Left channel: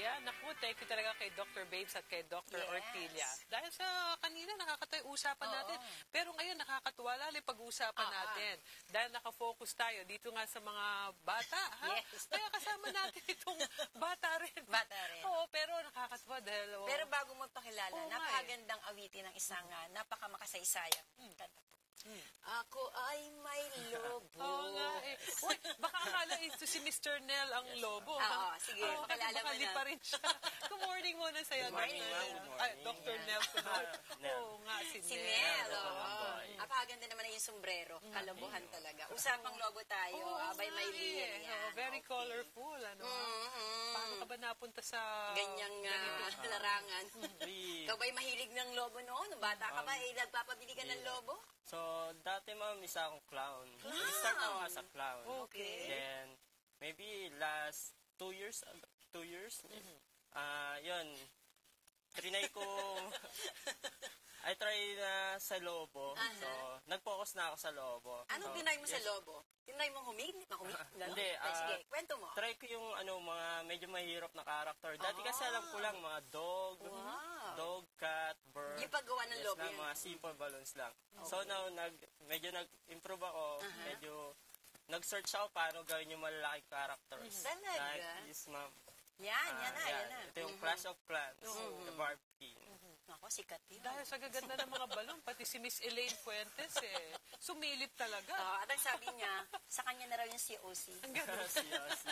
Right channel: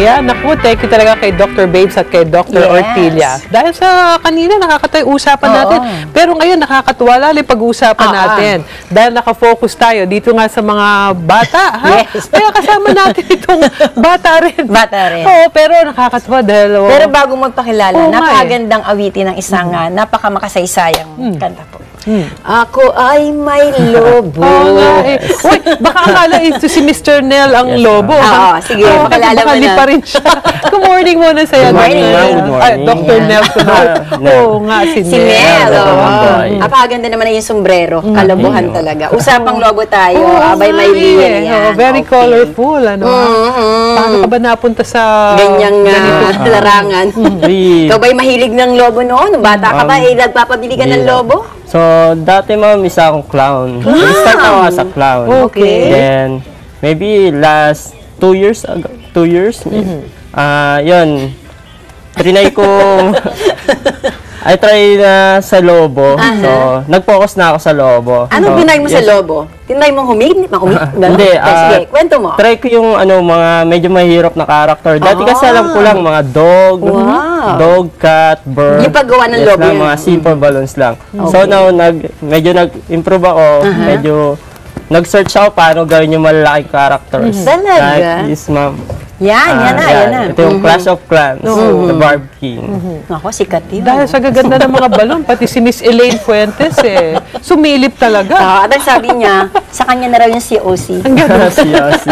Ayan, naku, thank you talaga kay Dr. Babes at kay Dr. Ortilia. Dahil sa kanina, nakakatayo usapan natin. Pero ngayon, nakakatuwa lalo pag-uusapan natin. Dahil nakafocus tayo dito nga sa mga bata, ha? Kaya kasama natin itong bata rin. Oo, pero nakakatuwa dahil... Pero bago magpakilala, napakagandang awitin ng isang napakamakasay-sayang kanta po. Ako ay may lobo. Uy, baka akala ito si Mr. Nel ang lobo. Sige, pakilala mo na. Pa rin siya. Good morning muna sa'yo. Good morning. Dr. Nel. Oo nga, si Nel. Napakaganda naman yung sombrero. Kalobohan talaga. Usapang lobo tayo. Abay may liyan. Very colorful. Paano ka ba napunta sa ganyang larangan? Ikaw ba'y mahilig ng lobo noon? Bata ka ba, nagpapabili ka ng lobo? So, dati ma'am, isa akong clown. Start ako as a clown. Then, maybe last 2 years ago, 2 years, yun, trinay kong, I try na sa lobo. So, nag-focus na ako sa lobo. Anong binay mo sa lobo? Tinry mong humigit? Hindi. Sige, kwento mo. Try ko yung mga medyo mahirap na character. Dati kasi alam ko lang mga dog, cat, bird. Yung paggawa ng lobo lang, mga simple balloons lang. So now, medyo nag-improve ako. Medyo nag-search ako paano gawin yung malalaking characters. Talaga? Like this, ma'am. Yan na. Ito yung Clash of Clans, the Barb King. Ako, sikat yun. Dahil sa gaganda ng mga balon, pati si Miss Elaine Fuentes, sumilip talaga. At ang sabi niya, sa kanya na raw yung COC. Ang ganda. COC.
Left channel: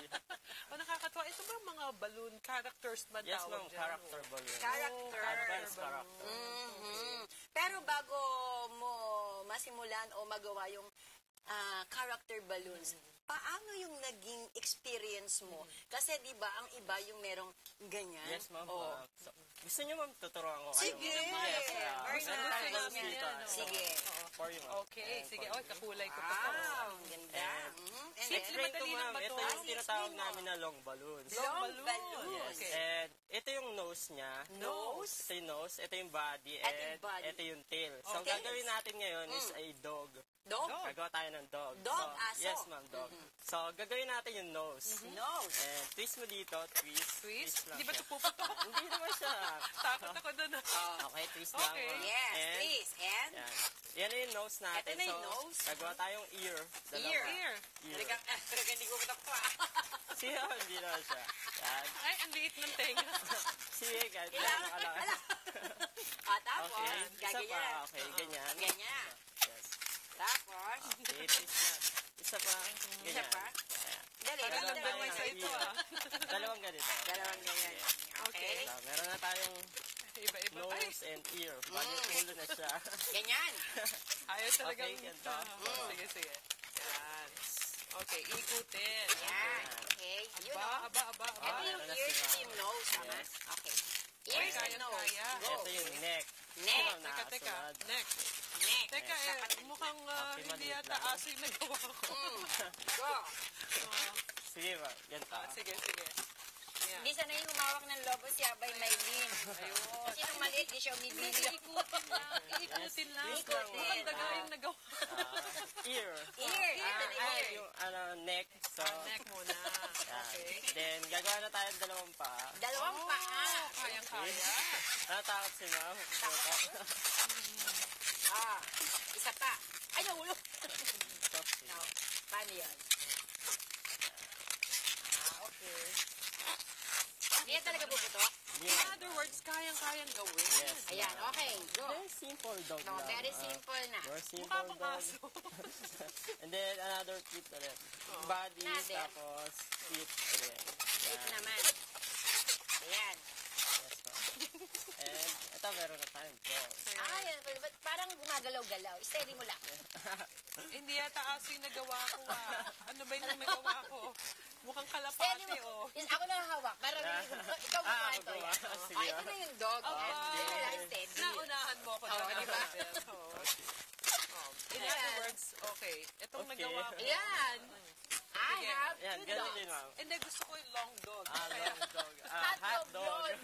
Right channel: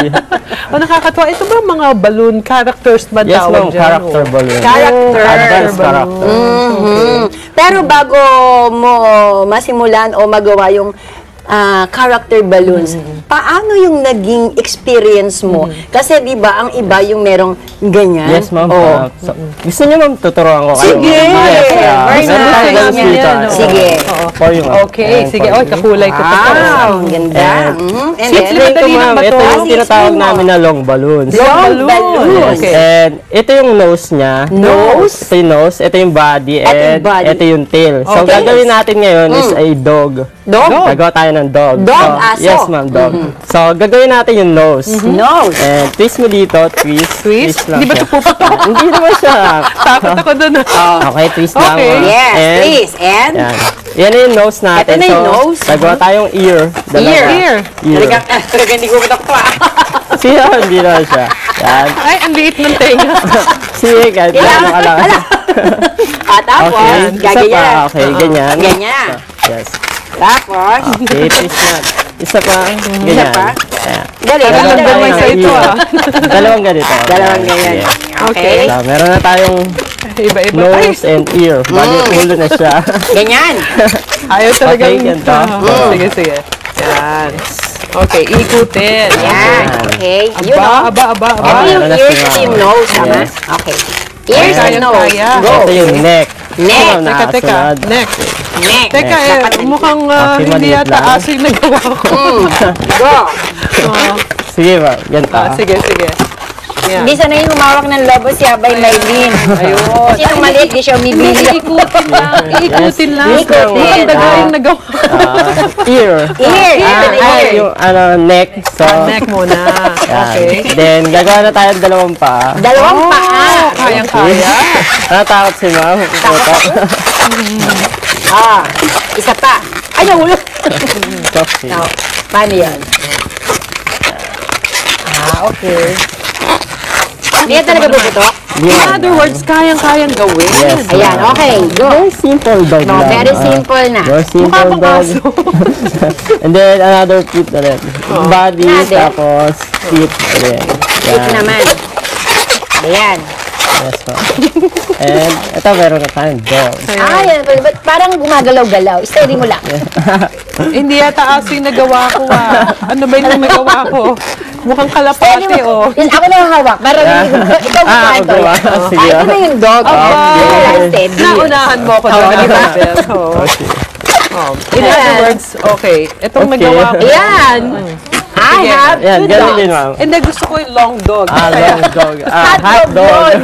Nakakatuwa. Ito ba mga balloon characters ba Yes, tawag ma'am, dyan? character balloon. Advanced character. Pero bago mo masimulan o magawa yung character balloons, paano yung naging experience mo? Kasi di ba ang iba yung merong ganyan? Yes, ma'am. Gusto niyo, ma'am, tuturuan ko kayo? Sige! Sige. Okay, sige. Oy, kakulay ko. Wow, ang ganda. Ito, ma'am, ito yung tinatawag namin na long balloons. Long balloons. And ito yung nose niya. Nose? Ito yung nose, ito yung body, and ito yung tail. So, gagawin natin ngayon is a dog. Dog? Gagawa tayo ng dog. Dog, aso? Yes, ma'am, dog. So, gagawin natin yung nose. Nose. And twist mo dito, twist lang Hindi ba siya. ito puputok? Hindi naman siya. Takot ako doon. Okay, twist lang. Yes, please. And? Yan yung nose natin. Ito na yung nose. Gagawa tayong ear. Ear. Talaga hindi ko matakpa. Siya, hindi naman siya. Yan. Ay, ang liit ng tenga. Sige, kahit gano'n ka lang. Tapos, gagayan. Okay, ganyan. Ganyan. Yes. Tapos, Okay, twist na. Isa pa. Ganyan. Dalawang sa ito, Dalawang ganito. Dalawang ganyan. Okay. So, meron na tayong Iba-iba. nose and ear. Bali, ulo na siya. Ganyan. Ayaw talaga. Okay, ganito. Sige. Yan. Okay, ikutin. Yan. Okay. Aba. Ito yung ears, ito yung nose, tama? Okay. Ears and nose. Go. Ito yung neck. Neck. Teka. Neck. Teka, mukhang hindi maliit yata lang. aso yung nagawa ko. Go. Sige ba, ganito. Sige. Yan. Hindi sanay humawak ng lobo si Abay Maylin. Ayun. Kasi nung maliit, di siya umibili. Iikutin lang. Ikutin. Mukhang daga yung nagawa. Ear. Yung neck. So, Neck muna. Okay. Then, gagawa na tayo ng dalawang paa. Dalawang paa. Kayang-kaya. Natakot si ma'am. Isa pa. Ay, nahulog. Okay. Paano yan? Okay. Hindi yan talaga bubutok? In other words, kayang-kayang gawin. Yes. Ayan, okay. Go. Very simple dog lang. Very simple na. Very simple dog. And then, another feet na rin. Body, tapos feet. Feet naman. Ayan. Yes, ma'am. And ito, meron na tayong dog. Ay, parang gumagalaw-galaw. Steady mo lang. Hindi yata aso yung nagawa ko. Ano ba yung nagawa ko? Mukhang kalapate, oh. Yun, ako na hawak. Parang ikaw bukahan to. Sige. Ito na yung dog. Steady. Naunahan mo ako doon, di ba? In other words, okay. Itong nagawa ko. Ayan. I have Yan, two ganun din, dogs. ma'am. And then gusto ko yung long dog. Long dog. Hot dog.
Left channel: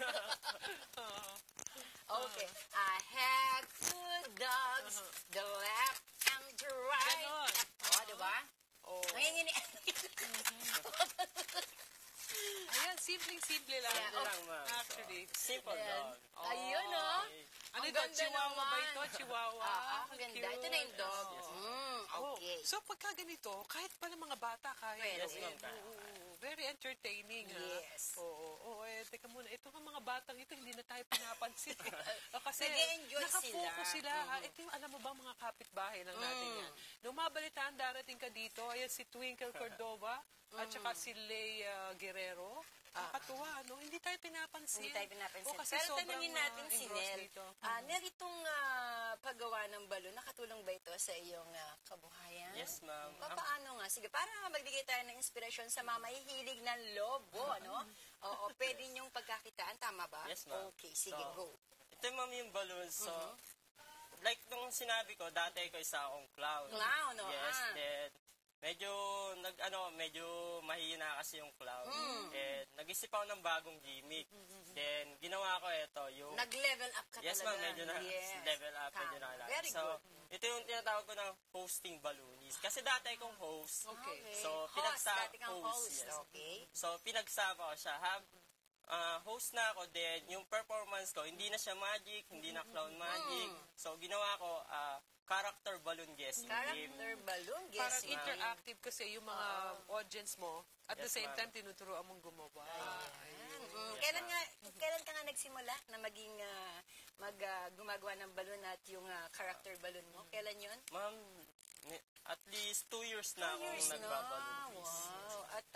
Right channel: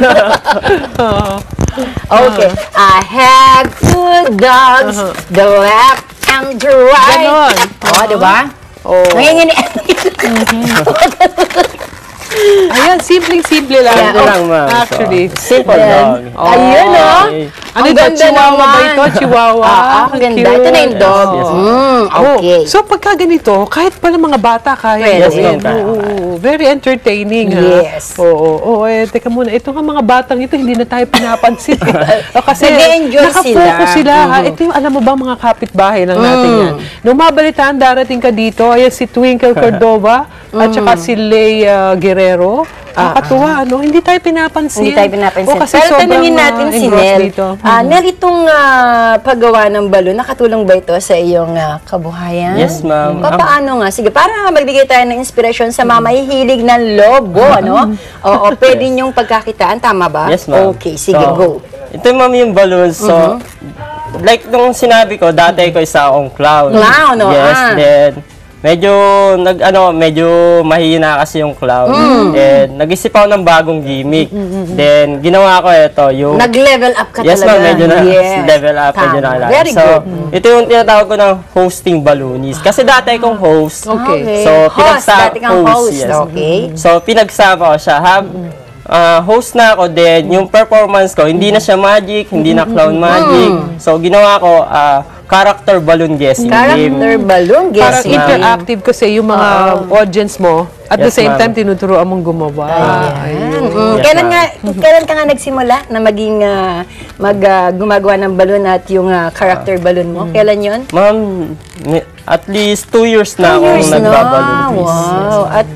Okay. I have two dogs, the left and the right. Ganon. Oh, di ba? Oh. Ngayon, Ayan, simpleng-simple lang. Simple lang, ma'am. Actually. Simple lang. Ayun, oh. Okay. Ano Ang ito? ganda Chihuahua ba naman. ito? Chihuahua. Ang ganda. Ito na yung dog. Yes, Okay. So, pagka ganito, kahit pala mga bata kaya Pwede. gawin. Yes, ma'am. Oo, very entertaining. Yes. Oo. Teka muna. Ito nga mga batang ito, hindi na tayo pinapansin. Kasi Nag-e-enjoy nakafocus sila. sila. Ito yung, alam mo ba, mga kapitbahay lang natin yan. Nung mabalitaan, darating ka dito, ayan si Twinkle Cordova, at saka si Leia Guerrero. Nakakatuwa, ano? Hindi tayo pinapansin. Hindi tayo pinapansin. O, kasi Pero sobrang, tanungin natin si engrossed Nel. dito. Nel, itong paggawa ng balon, nakatulong ba ito sa iyong kabuhayan? Yes, ma'am. Paano nga? Sige, para magbigay tayo ng inspirasyon sa mga mahihilig ng lobo, ano? Oo, pwede niyong pagkakitaan, tama ba? Yes, ma'am. Okay, sige, So, go. Ito, ma'am, yung balloons. So, like nung sinabi ko, dati ko isa akong clown. Clown, oh, Yes, then, medyo mahina kasi yung clown. Then, nag-isip ako ng bagong gimmick. Then, ginawa ko ito, yung... Nag-level up ka Yes, talaga. ma'am, medyo na Yes. level up, medyo Tama. na Very so, good. ito yung tinatawag ko ng hosting balloonist. Kasi dati akong host. Okay. So, host, dati kang host. yes. Okay. So, pinagsama ko siya. Host na ako din, yung performance ko, hindi na siya magic, hindi na clown magic. So, ginawa ko, character balloon guessing game. Character balloon Parang guessing. interactive kasi yung mga audience mo. At the Yes, same ma'am. time, tinuturoan mong gumawa. Ayun. Yes, Kailan ka nga nagsimula na maging gumagawa ng balon at yung character balon mo? Kailan yon? Ma'am, at least 2 years na akong nagbaballoon quiz. Wow. At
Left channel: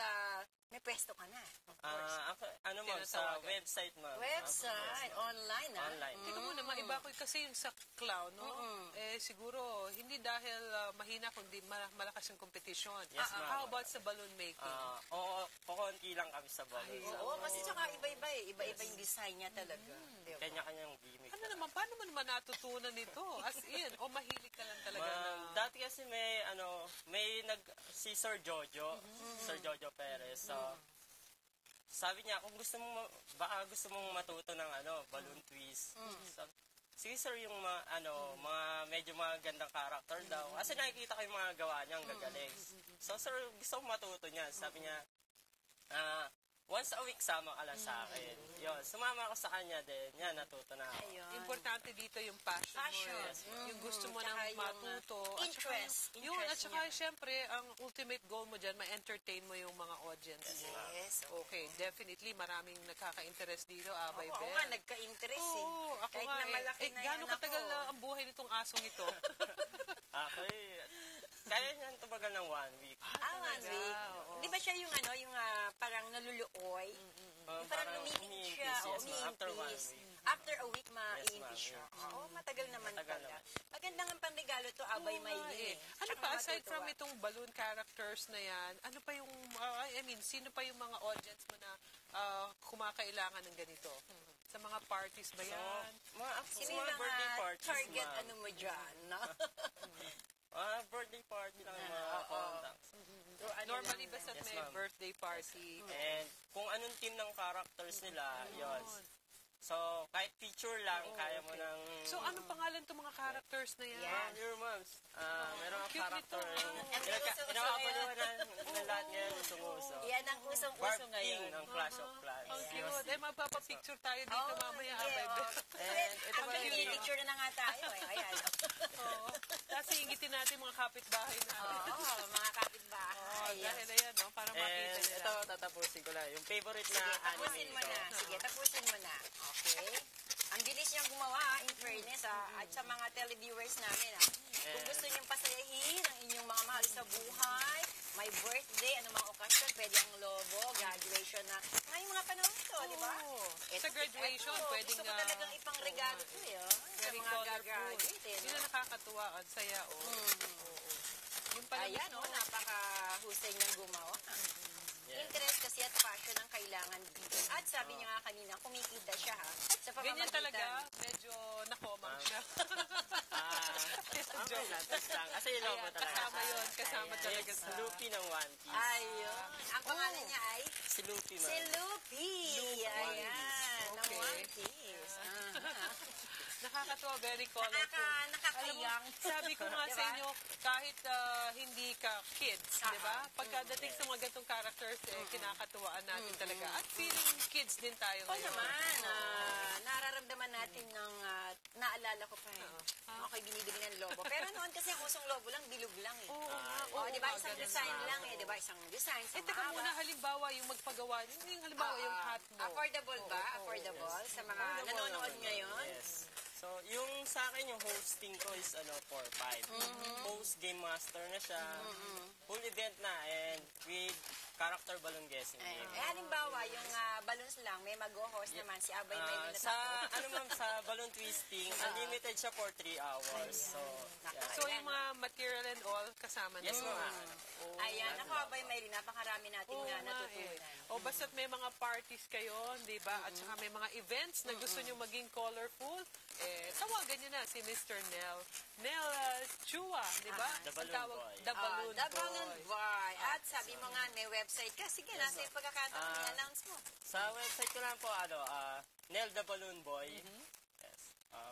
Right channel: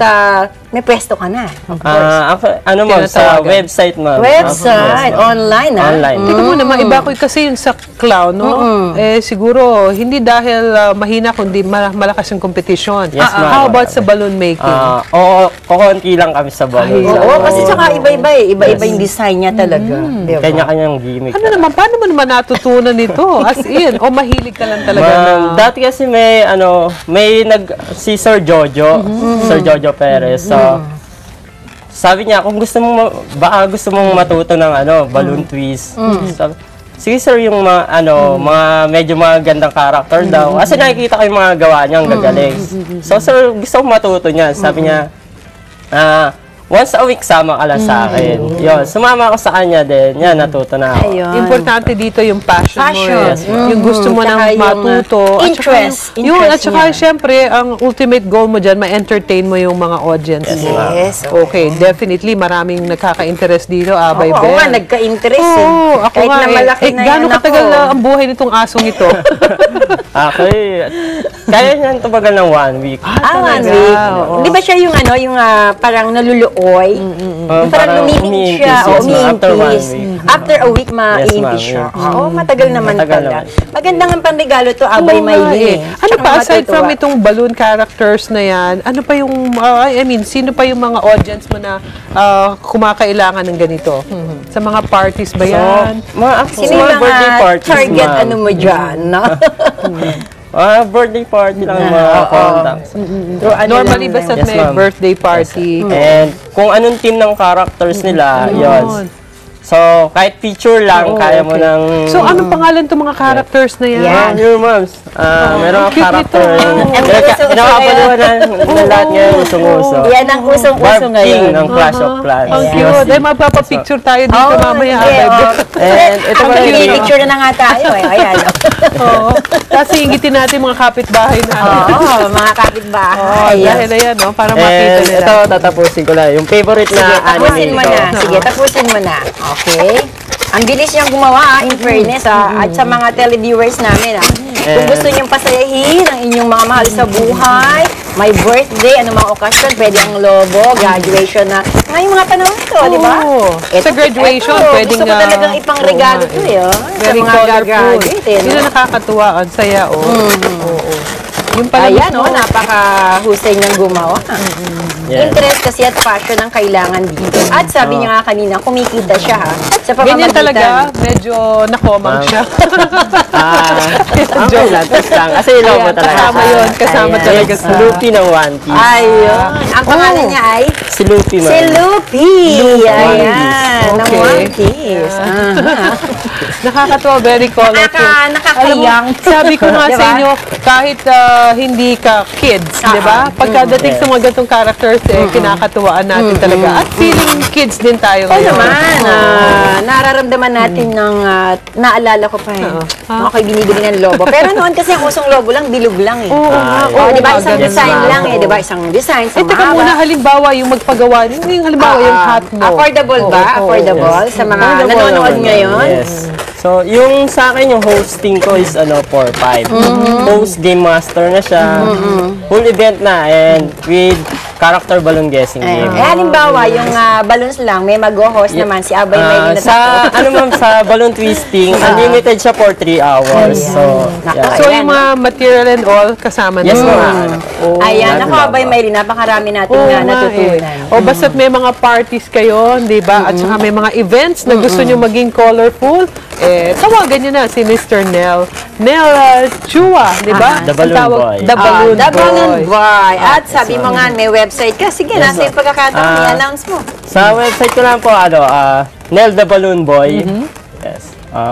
may pwesto ka na, of course. Ano ma'am, sa Tinatawagan. website ma'am. Website, online Online. Tingnan mo naman, iba ko kasi yung sa clown, no? Siguro, hindi dahil mahina, kundi malakas yung competition. Yes, ma'am. How about sa balloon making? Oo, kukunti lang kami sa balloon. Oo, kasi saka iba-iba eh. Iba-iba yung design niya talaga. Diba? Kanya-kanyang gimmick. Ano naman, paano mo naman natutunan ito? As in, o mahilig ka lang talaga Ma'am, na... dati kasi si Sir Jojo, Sir Jojo Perez. So, sabi niya, kung baka gusto mong matuto ng balloon twist. Sabi, sige sir, yung mga medyo magandang character daw. Kasi nakikita ko yung mga gawa niya, ang gagaling. So sir, gusto kong matuto niya. Sabi niya, once a week sama ka lang sa akin. Yun, sumama ako sa kanya din. Yan, natuto na ako. Ayun. Importante dito yung passion mo. Passion. Yes, yung gusto mo Tsaka nang yung, matuto. interest. At Interest saka niya. syempre, ang ultimate goal mo dyan, ma-entertain mo yung mga audience mo. Yes. Okay, definitely, maraming nagkaka-interest dito, Abay Oo Ben. nga, nagka-interest eh. Oo, ako Kahit nga na malaki na gaano yan katagal ako. na ang buhay nitong asong ito? Okay. Kaya niyan tumagal ng 1 week. 1 week. Oo. Di ba siya yung yung parang naluluoy? Yung parang lumimik siya. umiimpis, yes, ma'am. After 1 umiimpis. week. After a week, Yes, maiimpis ma'am, siya. yes. Oo, matagal naman Matagal pala. naman. Maganda nga panregalo to, Abay Oo nga Maylin. Ano pa, aside from itong balloon characters na yan, ano pa yung, sino pa yung mga audience mo na kumakailangan ng ganito? Sa mga parties ba yan? Sino yung birthday mga parties, target ma'am. mo dyan, no? Birthday party lang yung mga contacts. Normally, lang basta Yes, may ma'am. birthday party. And kung anong team ng characters nila, yun. So, kahit feature lang, kaya mo nang... So, anong pangalan itong mga characters na yan? Yan. Yun, ma'am. Meron ang cute character. nito. Pinakapaluan na lahat ngayon, usong-uso. Yan ang usong-uso Barb King ngayon. ng Clash of Clans. Ang cute. Ay, magpapapicture tayo dito mamaya. Abay Ben. And ito Ang pa rin. picture na nga tayo eh. Ayan. Oo. Kasi ingitin natin mga kapitbahay natin. Oo, mga kapitbahay. Dahil ayan, no? Para makita And nila. ito, tatapusin ko lang. Yung favorite Sige, na tapusin anime mo ko. na. Sige, tapusin mo na. Okay? Ang bilis niyang gumawa, in fairness, at sa mga televiewers namin, kung gusto niyong pasayahin ang inyong mga mahal sa buhay, may birthday, anumang okasyon, pwede ang lobo, graduation na. Ngayong mga panahon to, di ba? Oo. Sa graduation, pwedeng... Gusto ko talagang ipang regalo to, eh. Sa Very mga colorful. gagraduate, eh. Yun no? ang nakakatuwa. Ang saya, oh. Oo. Yung pala Ayan, mismo, napaka-husay niyang gumawa. Yes. Interest kasi at passion ang kailangan dito. At sabi niya nga kanina, kumikita siya ha. At Sa pamamagitan. Ganyan talaga, medyo nakomang siya. Okay lang, test lang. Kasi yung logo Ayan, talaga. kasama yun, kasama Ayan. talaga It's sa... Luffy ng One Piece. Ayun. Ang pangalan niya ay? Si Luffy, ma'am. Si Luffy. Ayan. Ng Okay. One Piece. Nakakatuwa, very colorful. Nakakayang. Alam mo, sabi ko nga sa Diba? inyo, kahit hindi ka kids, di ba? Pagkadating sa mga ganitong characters, kinakatuwaan natin talaga. At feeling kids din tayo Oo ngayon. naman. Nararamdaman natin ng, naalala ko pa ako'y binibili ng lobo. Pero noon kasi ang usong lobo lang, bilog lang eh. Oo nga, Oh, oo di ba? nga, Isang ganun design nga. lang eh. Di ba? Isang design, Eh, isang teka muna, halimbawa, yung magpagawa, yung halimbawa, yung hat mo. Affordable ba? Oo, oo, Affordable sa mga Affordable nanonood naman, ngayon? Yes. So, yung sa akin, yung hosting ko is 4-5. Host Game Master na siya. Full event na and with character balloon guessing game. Halimbawa, yung balloons lang, may mag-host naman, si Abay may Sa, ma'am, sa balloon twisting, unlimited siya for 3 hours. So, yeah. So, yung mga material and all, kasama Yes, na. ma'am. Oh. Ayan, ako Abay Maylin, napakarami natin na natutunan. O basta't may mga parties kayo, di ba? At saka may mga events na gusto nyo maging colorful, tawagan nyo na si Mr. Nel. Nel Chua, di ba? The Balloon Ang tawag- Boy. The Balloon The Balloon Boy. Boy. At sabi mo nga, may website ka. Sige, nasa yung pagkakataon, i-announce mo. Sa website ko lang po, Nel the Balloon Boy. Yes.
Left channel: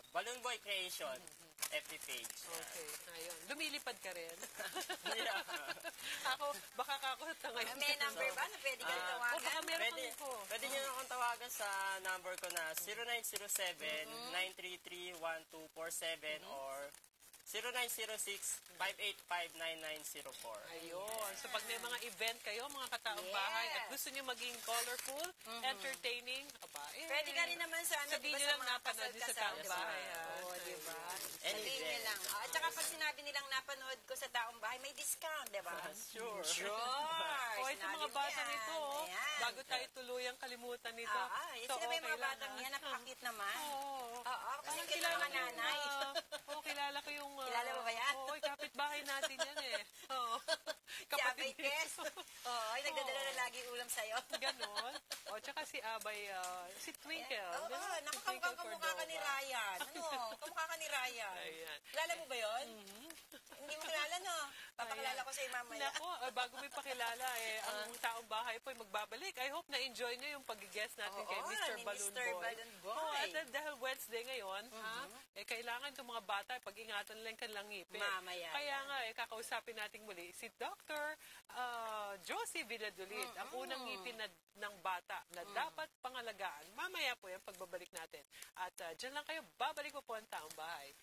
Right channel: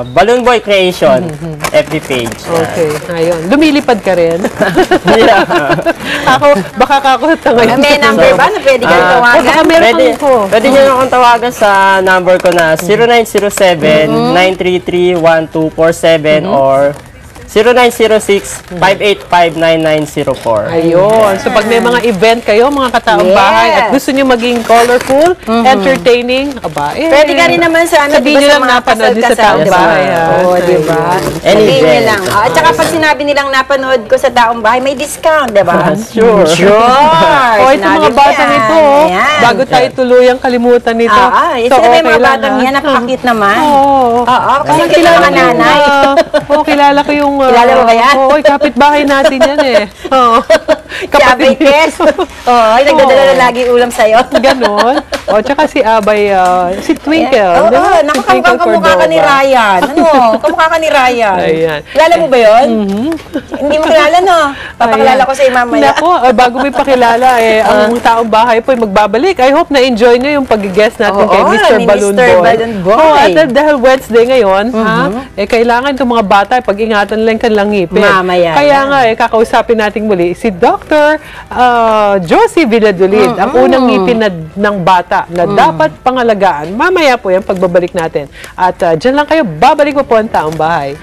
Balloon Boy Creation, FB page. Okay, ayun. Lumilipad ka rin. Yeah. Ako, baka kakota ngayon. May number ba na pwede kang tawagan? baka meron Pwede nyo akong tawagan sa number ko na 0907-933-1247 or 0906-585-9904. Ayun. So, pag may mga event kayo, mga kataong bahay, at gusto nyo maging colorful, entertaining, aba, Pwede ka rin naman sa ano, sabihin nyo diba, lang sa mga napanood nyo sa kasal-kasal, taong diba? bahay. ha? Oo, di ba? Any Sabihin nyo event. lang. At saka pag sinabi nilang napanood ko sa taong bahay, may discount, di ba? Sure. Sure! O, ito mga batang ito, Ayan. bago tayo tuluyang kalimutan nito. Ito na may mga batang yan, ha? napaka-cute naman. Oo. Oo, kasi Parang kilala mga ko yung, nanay. kilala ko yung... Kilala mo ba yan? Oo, kapitbahay natin yan eh. Oo. Si Abay Kes. Oo, nagdadala na lagi ulam sa'yo. Ganon. O, tsaka si Abay, si Twinkle. Oo, di ba? Si nakakamukha Twinkle kamukha ka ni Cordova. Ryan. Ano? Kamukha ka ni Ryan. Ayan. Kilala mo ba yun? Hindi mo kilala, no? Papakilala Ayan. ko sa'yo mamaya. Nako, bago may pakilala, ang taong bahay po ay magbabalik. I hope na-enjoy nyo yung pag-guest natin kay Oo, Mr. ni Balloon Mr. Boy. Balloon Boy. Oh, at dahil Wednesday ngayon, kailangan itong mga bata, pag-ingatan lang kanilang ngipin. Mamaya Kaya yan. nga, kakausapin natin muli si Dr. Josie Villadolid, ang unang ngipin ng bata na dapat pangalagaan. Mamaya po yan pagbabalik natin. At dyan lang kayo, babalik po po ang taong bahay.